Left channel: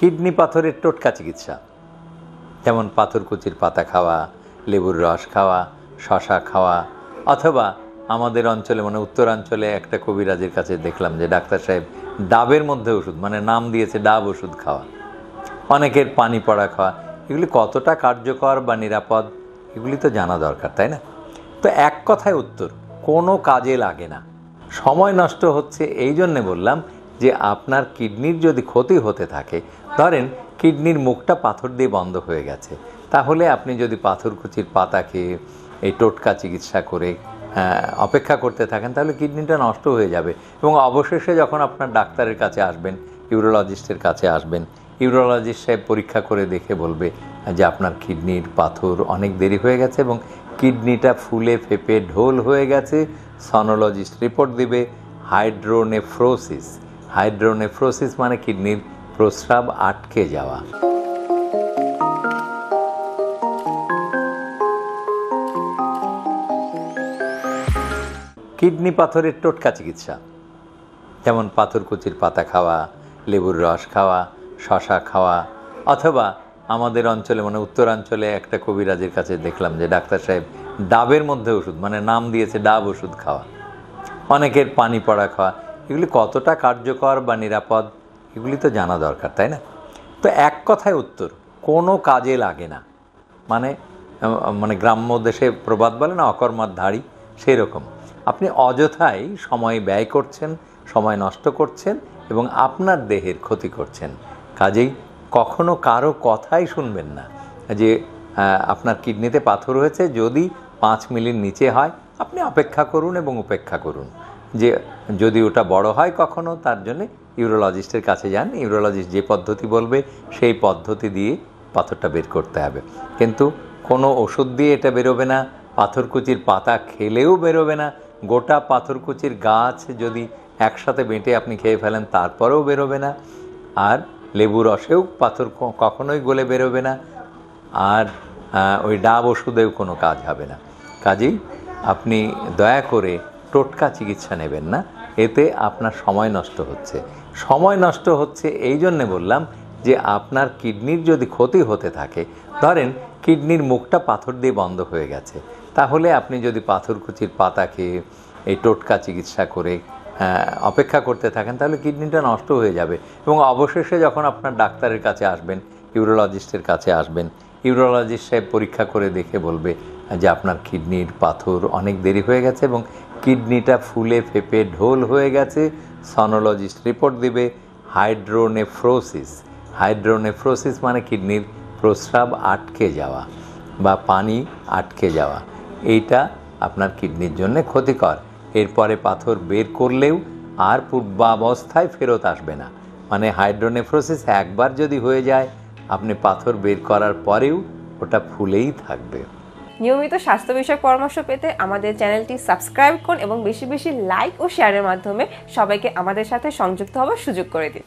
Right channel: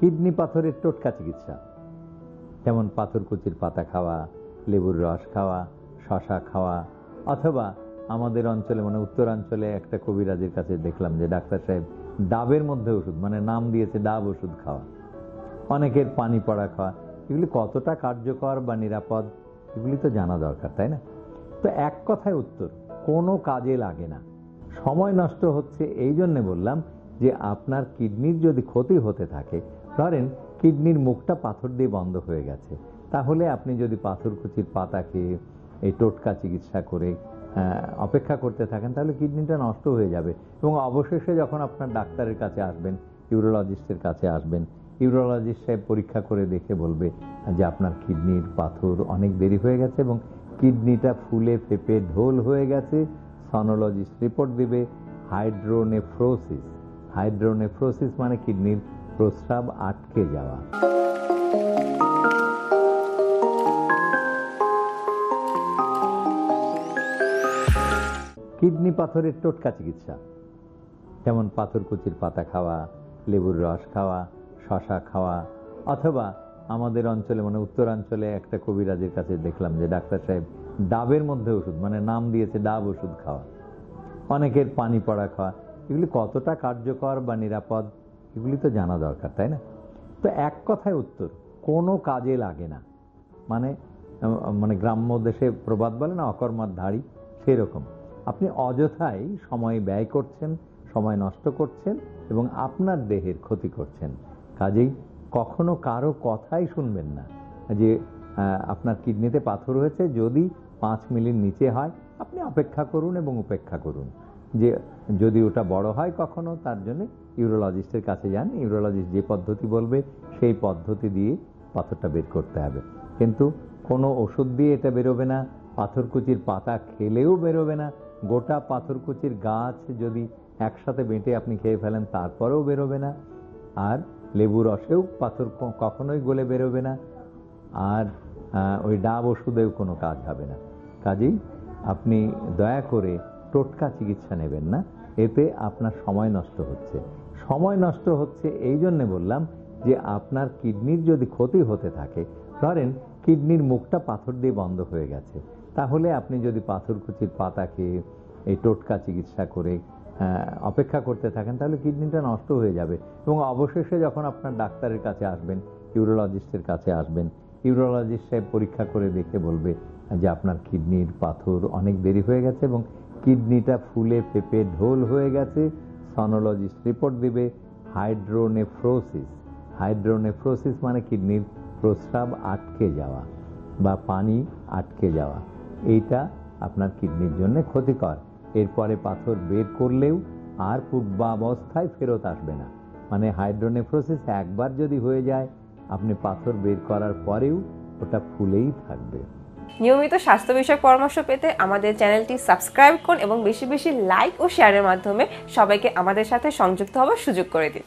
Kidney পাথরের টোটকা চিকিৎসা, যেমন পাথরকুচির পাতা খাওয়া, লেবুর রস খাওয়া, শশা খাওয়া, অথবা আমাদের অঞ্চলে মানে উত্তরাঞ্চলে একটা কবিরাজের কাছে দেখলাম যে ডাক্তার সাহেব ডাবের মধ্যে ওষুধ মানে নাম দিয়েছে ডাব ওষুধ খাওয়া, অনেকের পানি পড়া খাওয়া। এগুলি কতটা কার্যকর বা নিরাপদ এগুলি তো জানা দরকার, তাই না? তো এক কথায় উত্তর, কোনো কাজে লাগে না। সময় নষ্ট হচ্ছে এই জন্যে বললাম যে আপনার কিডনির যদি ক্ষতি হতে থাকে, ধরেন কিডনির মুখটা পাথর দিয়ে বন্ধ হয়ে গেছে, তাহলে আপনি যদি পাথরকুচির পাতা খেয়ে এই টোটকা চিকিৎসা করে অপেক্ষা করতে থাকেন তাহলে কিডনিটা নষ্ট হয়ে যাবে এবং অবশেষে যখন আপনার ডাক্তারের কাছে আসবেন, ইউরোলজিস্টের কাছে আসবেন, ইউরোলজিস্ট সাহেব পরীক্ষা করে দেখে বলবে যে আপনার কিডনির পাথর অনেক দেরি হয়ে গেছে এবং কিডনিটা ফুলে ফেপে ঢোল হয়ে গেছে। সনোলজিস্ট রিপোর্ট দিবে হাইড্রোনেফ্রোসিস। হাইড্রোনেফ্রোসিস মানে কিডনির প্রস্রাব আটকে যাওয়া। কিডনি পাথরের টোটকা চিকিৎসা, যেমন পাথরকুচির পাতা খাওয়া, লেবুর রস খাওয়া, শশা খাওয়া, অথবা আমাদের অঞ্চলে মানে উত্তরাঞ্চলে একটা কবিরাজের কাছে দেখলাম যে ডাক্তার সাহেব ডাবের মধ্যে ওষুধ মানে নাম দিয়েছে ডাব ওষুধ খাওয়া, অনেকের পানি পড়া খাওয়া। এগুলি কতটা কার্যকর বা নিরাপদ এগুলি তো জানা দরকার, তাই না? তো এক কথায় উত্তর, কোনো কাজে লাগে না। মানে গ্রাম্য দেশে প্রবাদ বলে না, অকর্মার ধাড়ি, সেই রকম আপনি অযথাই সময় ব্যয় করছেন, সময় নষ্ট করছেন এবং আপনার দেহের ক্ষতি করছেন। কাজেই কখনো কারো কথাই শুনবেন না যে আপনার কিডনিতে পাথর হয়েছে, যদি 5 মিলির নিচে হয় আপনি অপেক্ষা করুন এবং উপেক্ষা করুন। যে যদি ওটা বড় হয় কখনো, তার জন্যে ইউরোলজিস্টের কাছে যান, ইউরোলজিস্ট যে পদ্ধতি বলবে সেই পদ্ধতি দিয়ে পাথরটা বের করতে হবে। কিন্তু কোনো ওষুধ দিয়ে এটা বেরোবে না, পাথরকুচির পাতা খেলেও বেরোবে না, গোটা পাথরকুচির গাছ যদি একসাথে বেঁটে আপনি খেয়ে ফেলেন তারপরেও বেরোবে না, আর লেবু রসেও পাথর কখনোই গলে বেরোবে না, আর ওই ডাব ওষুধেও কোনো কাজ হবে না। কাজেই আপনি দয়া করে টোটকা চিকিৎসা নেবেন না, এতে আপনার সময় নষ্ট হচ্ছে। সময় নষ্ট হচ্ছে এই জন্যে বললাম যে আপনার কিডনির যদি ক্ষতি হতে থাকে, ধরেন কিডনির মুখটা পাথর দিয়ে বন্ধ হয়ে গেছে, তাহলে আপনি যদি পাথরকুচির পাতা খেয়ে এই টোটকা চিকিৎসা করে অপেক্ষা করতে থাকেন তাহলে কিডনিটা নষ্ট হয়ে যাবে এবং অবশেষে যখন আপনার ডাক্তারের কাছে আসবেন, ইউরোলজিস্টের কাছে আসবেন, ইউরোলজিস্ট সাহেব পরীক্ষা করে দেখে বলবে যে আপনার কিডনির পাথর অনেক দেরি হয়ে গেছে এবং কিডনিটা ফুলে ফেপে ঢোল হয়ে গেছে। সনোলজিস্ট রিপোর্ট দিবে হাইড্রোনেফ্রোসিস। হাইড্রোনেফ্রোসিস মানে কিডনির প্রস্রাব আটকে যাওয়া বা পানি আটকে যাওয়া, এইটা আপনার কিডনির জন্য ক্ষতিকর। এরপরে পাথর বের করলেও আর পূর্বাবস্থায় ফেরত আসবে না। মানে হাইড্রোনেফ্রোসিস একবার যদি হয়ে যায়, আপনি পাথর বের করার পরেও ওটা ফুলেই থাকবে। নিয়মিত স্বাস্থ্য বিষয়ক পরামর্শ পেতে আমাদের চ্যানেলটি সাবস্ক্রাইব করুন এবং বেশি বেশি লাইক ও শেয়ারের মাধ্যমে সবাইকে আমাদের সাথে সংযুক্ত হওয়ার সুযোগ করে দিন।